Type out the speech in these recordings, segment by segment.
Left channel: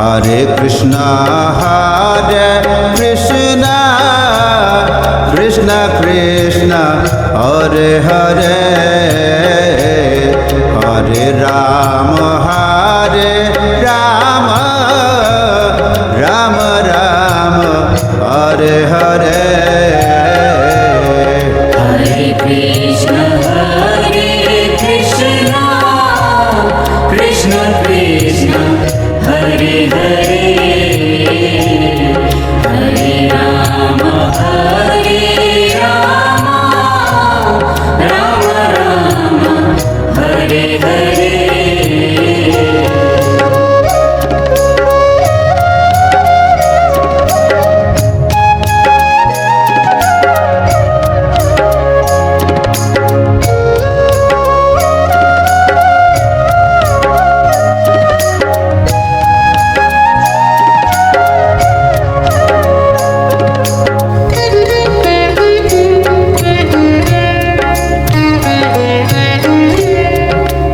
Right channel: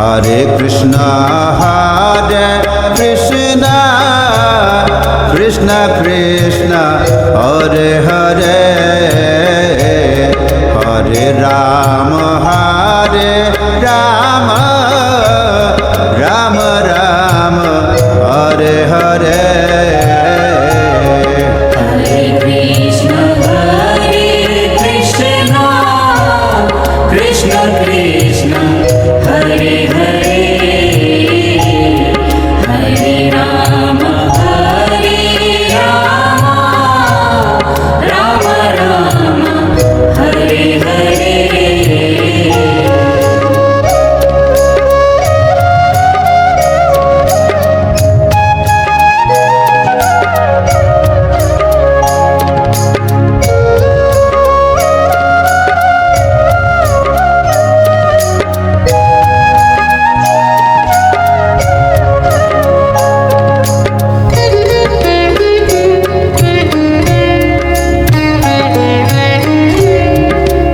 Hare Krishna Krishna Krishna Hare Hare Hare Rama Rama Rama Hare Hare Hare Krishna Krishna Krishna Hare Hare Hare Rama Rama Rama Hare Hare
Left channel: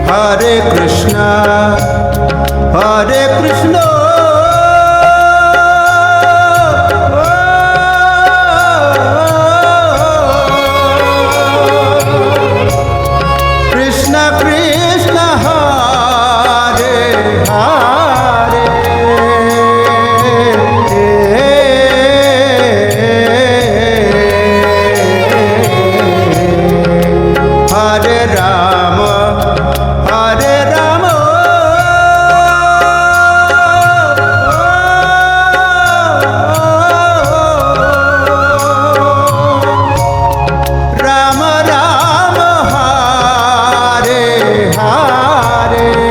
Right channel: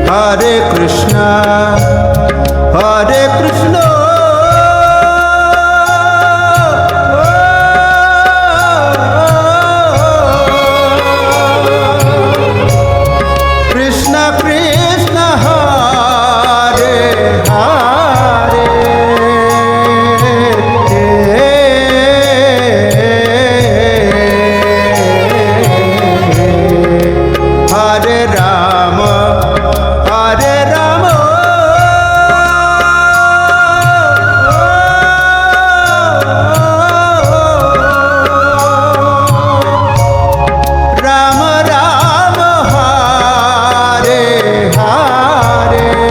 Hare Krishna Krishna Krishna Hare Hare Hare Rama Rama Rama Hare Hare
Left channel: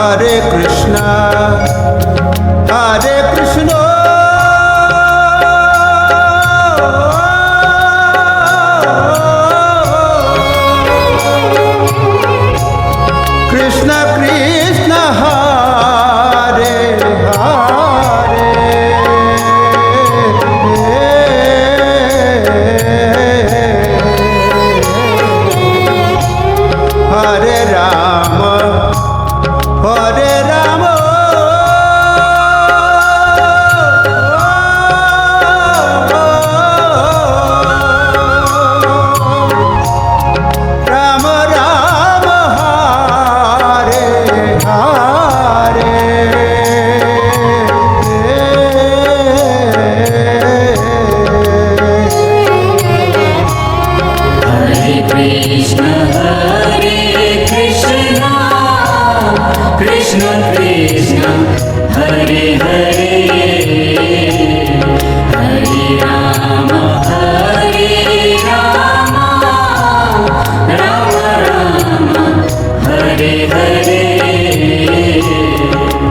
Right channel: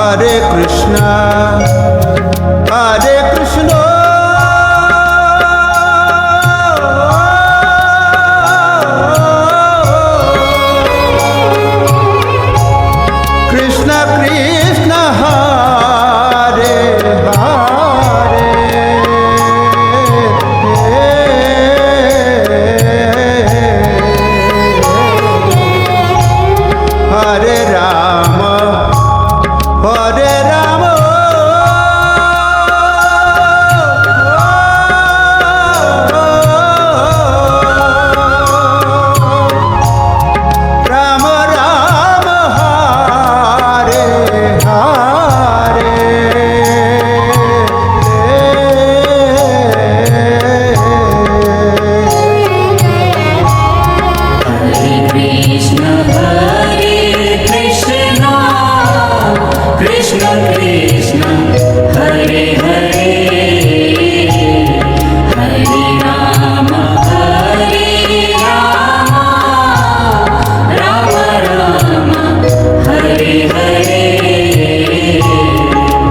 Hare Krishna Krishna Krishna Hare Hare Hare Rama Rama Rama Hare Hare Hare Krishna Krishna Krishna Hare Hare Hare Rama Rama Rama Hare Hare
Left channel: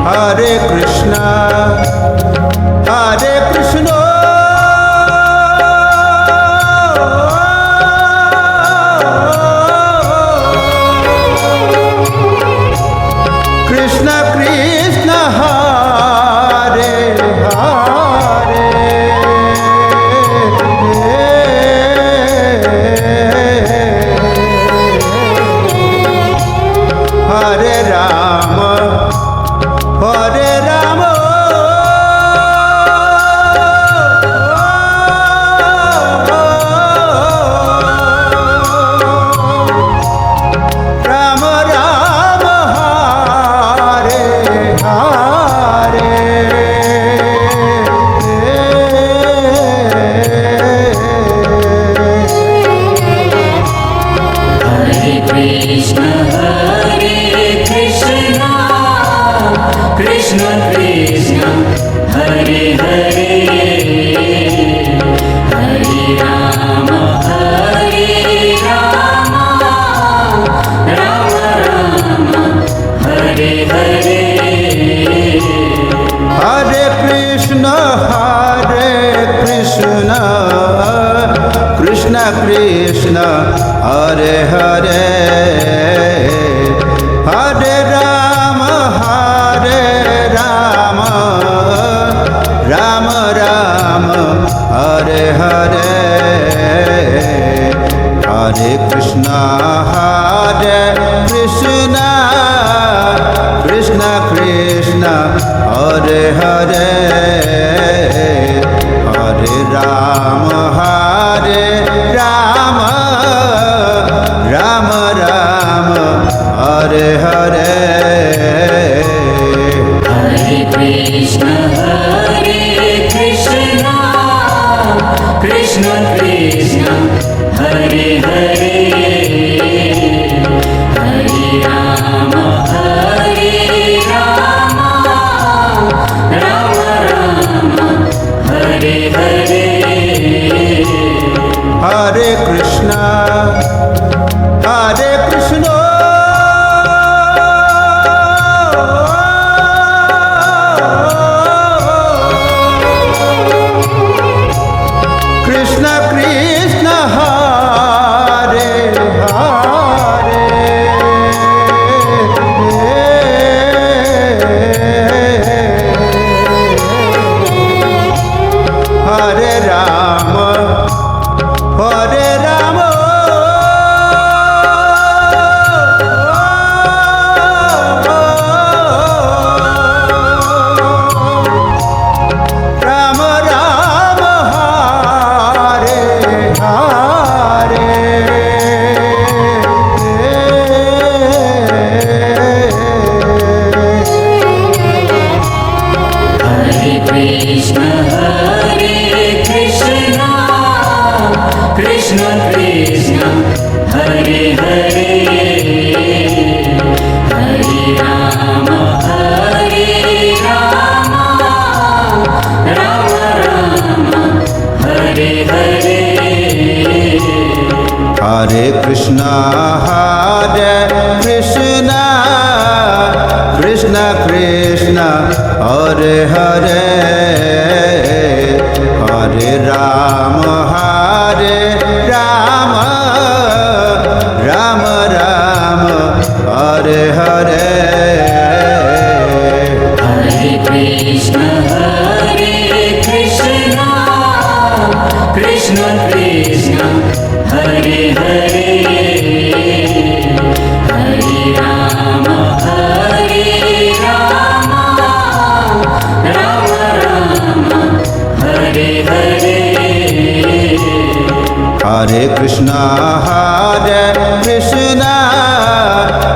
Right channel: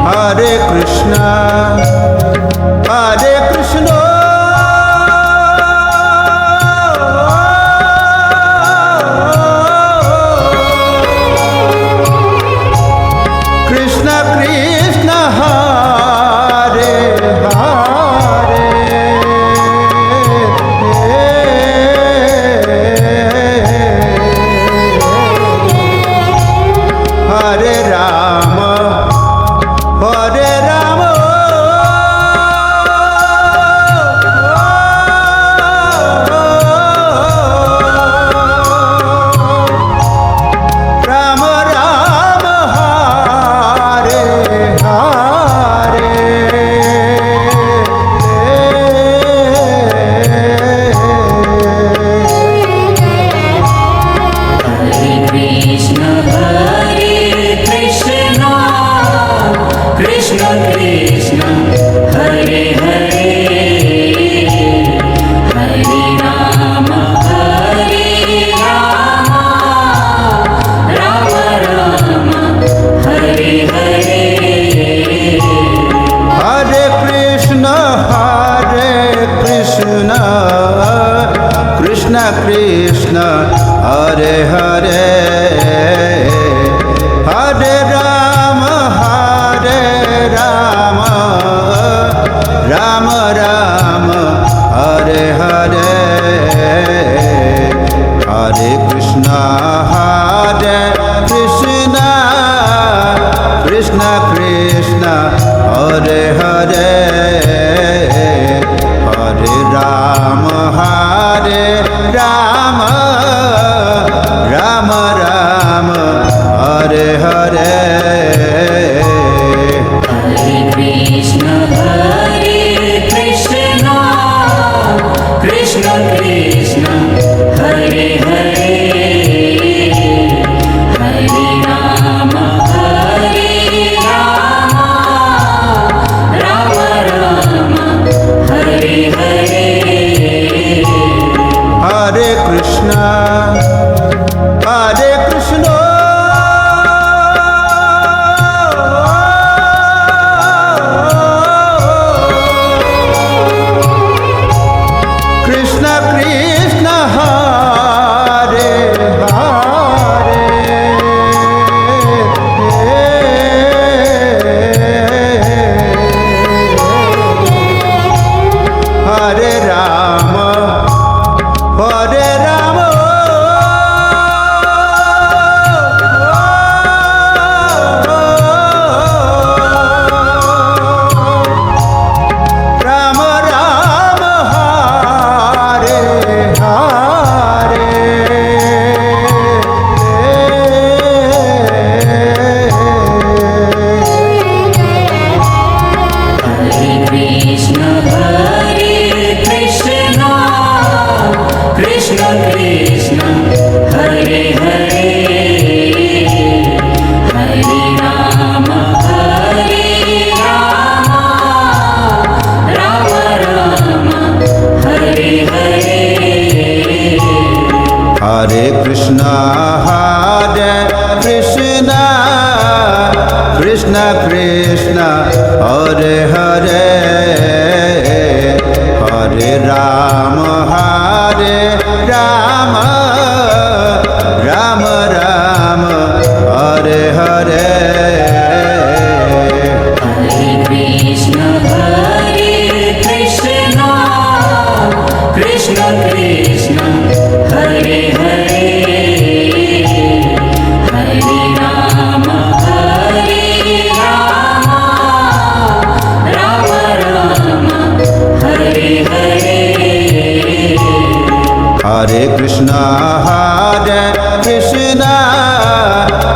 Hare Krishna Krishna Krishna Hare Hare Hare Rama Rama Rama Hare Hare Hare Krishna Krishna Krishna Hare Hare Hare Rama Hare Krishna Krishna Hare Hare Hare Ram Ram Ram Hare Hare Hare Krishna Krishna Krishna Hare Hare Hare Ram Ram Ram Hare Hare Hare Krishna, Krishna Krishna, Hare Hare, Hare Rama, Rama Rama, Hare Hare. Hare Krishna Krishna Krishna Hare Hare Hare Rama Krishna Krishna, Hare Hare, Hare Rama, Rama Rama, Hare Hare. Hare Krishna Krishna Krishna Hare Hare Hare Rama Rama Rama Hare Hare Hare Krishna, Krishna Krishna, Hare Hare, Hare Rama, Rama Rama, Hare Hare. Hare Krishna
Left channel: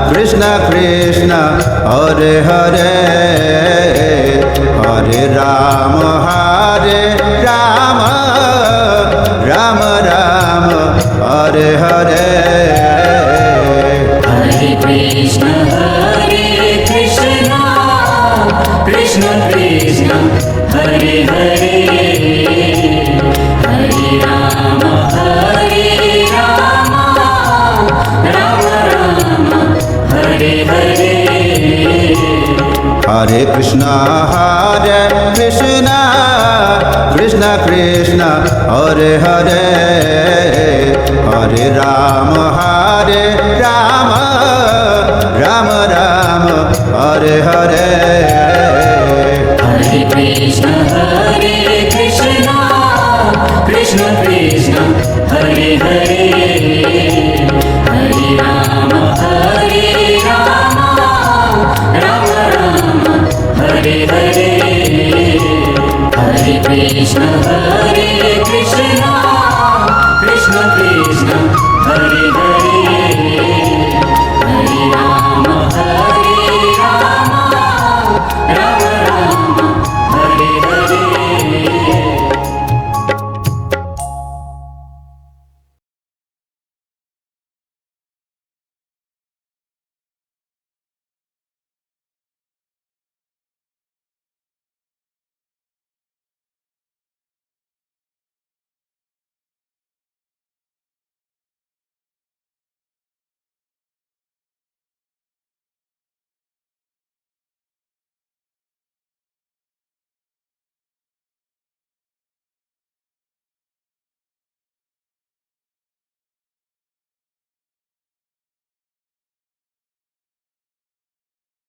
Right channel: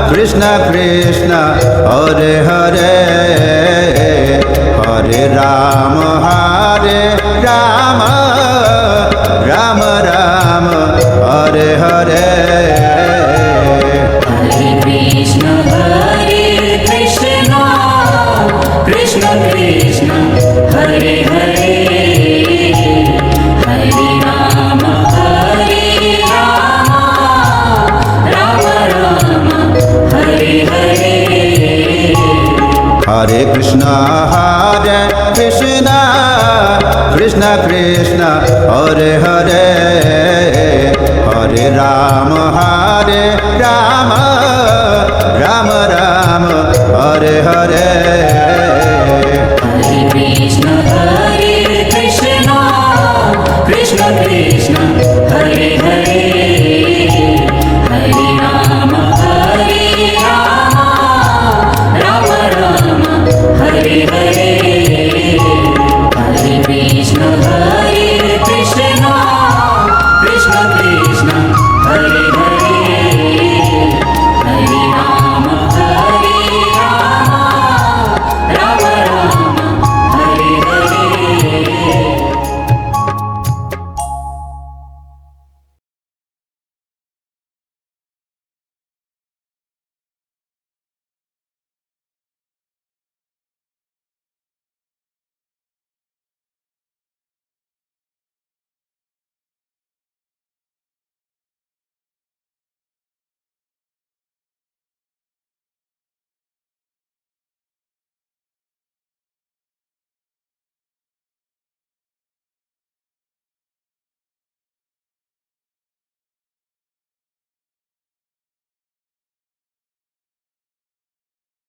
Krishna Krishna Hare Hare Hare Rama Rama Rama Hare Hare Hare Krishna, Krishna Krishna, Hare Hare, Hare Rama, Rama Rama, Hare Hare. Hare Krishna Krishna Krishna Hare Hare Hare Rama Rama Rama Hare Hare Hare Krishna, Krishna Krishna,